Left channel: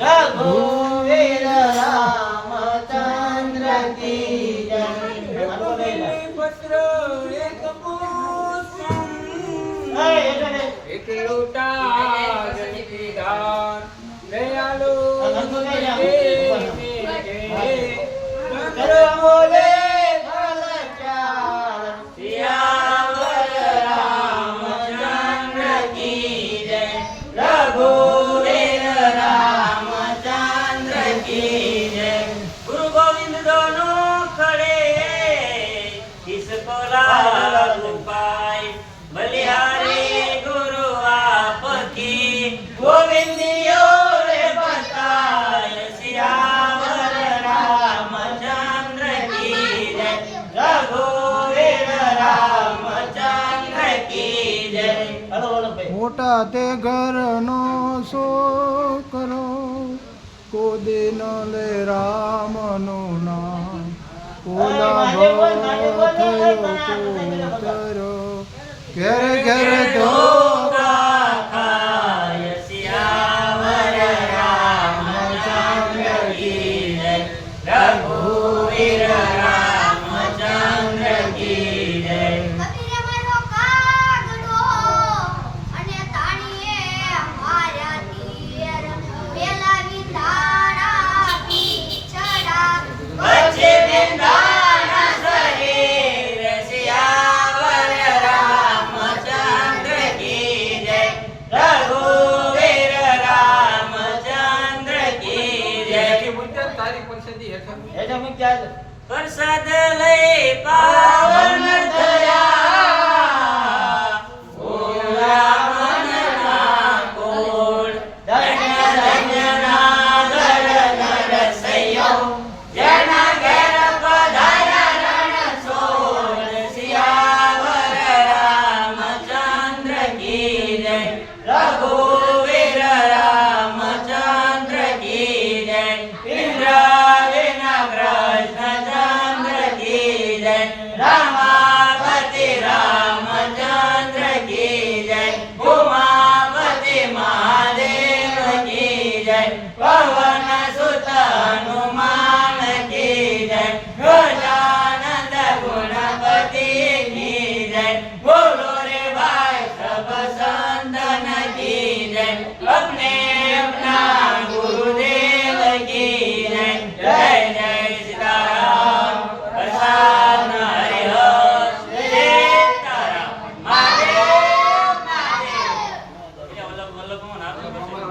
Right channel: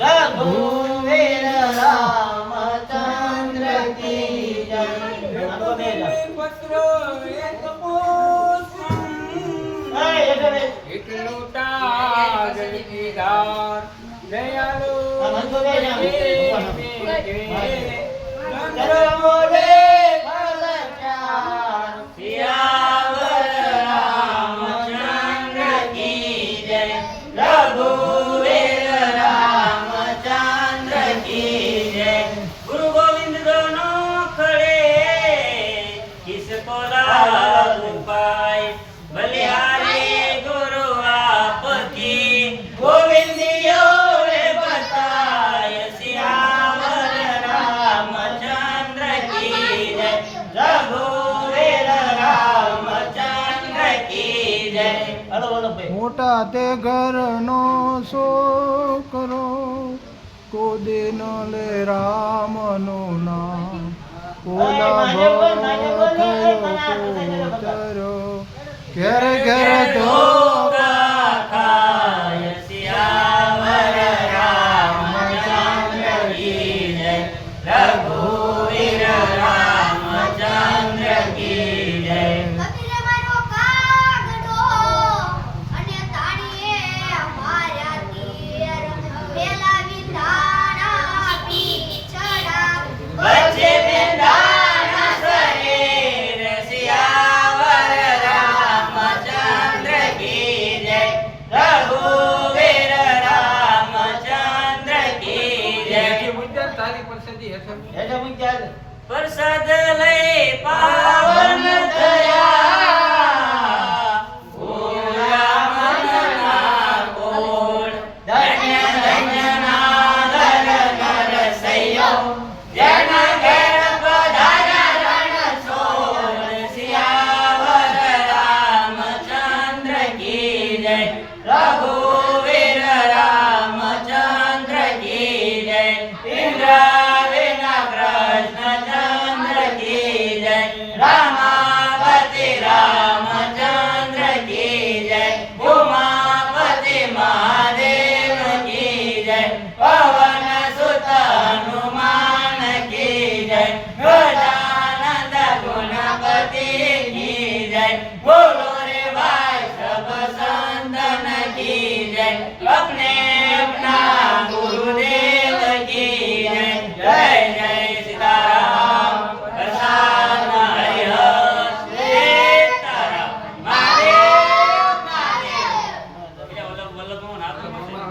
रघुवीर रामचंद्र की जय। पत्र एक पुष्प एक लोटा जल की धार दयालु बोले फल प्यार सियावर रामचंद्र की जय। रघुवीर रामचंद्र की जय। गुरु गोविंद दोनों खड़े किसको लागू पाए बलिहारी गुरु आपकी गोविंदियो रे बताए सियावर रामचंद्र की जय। रघुवीर रामचंद्र की जय। મોટા તે ઘરનો છોકરો કોદે ન લે રામનું નામ ઓલા થયો પોતરો ઘેર ઘેર ધોકા ખાય સિયાવર રામચંદ્ર की जय। रघुवीर रामचंद्र की जय। बच्चे बिंदाना शरीर सियावर रामचंद्र की जय। रघुवीर रामचंद्र की जय। प्रसाद ले पावन थया रघुवीर रामचंद्र की जय। इंद्र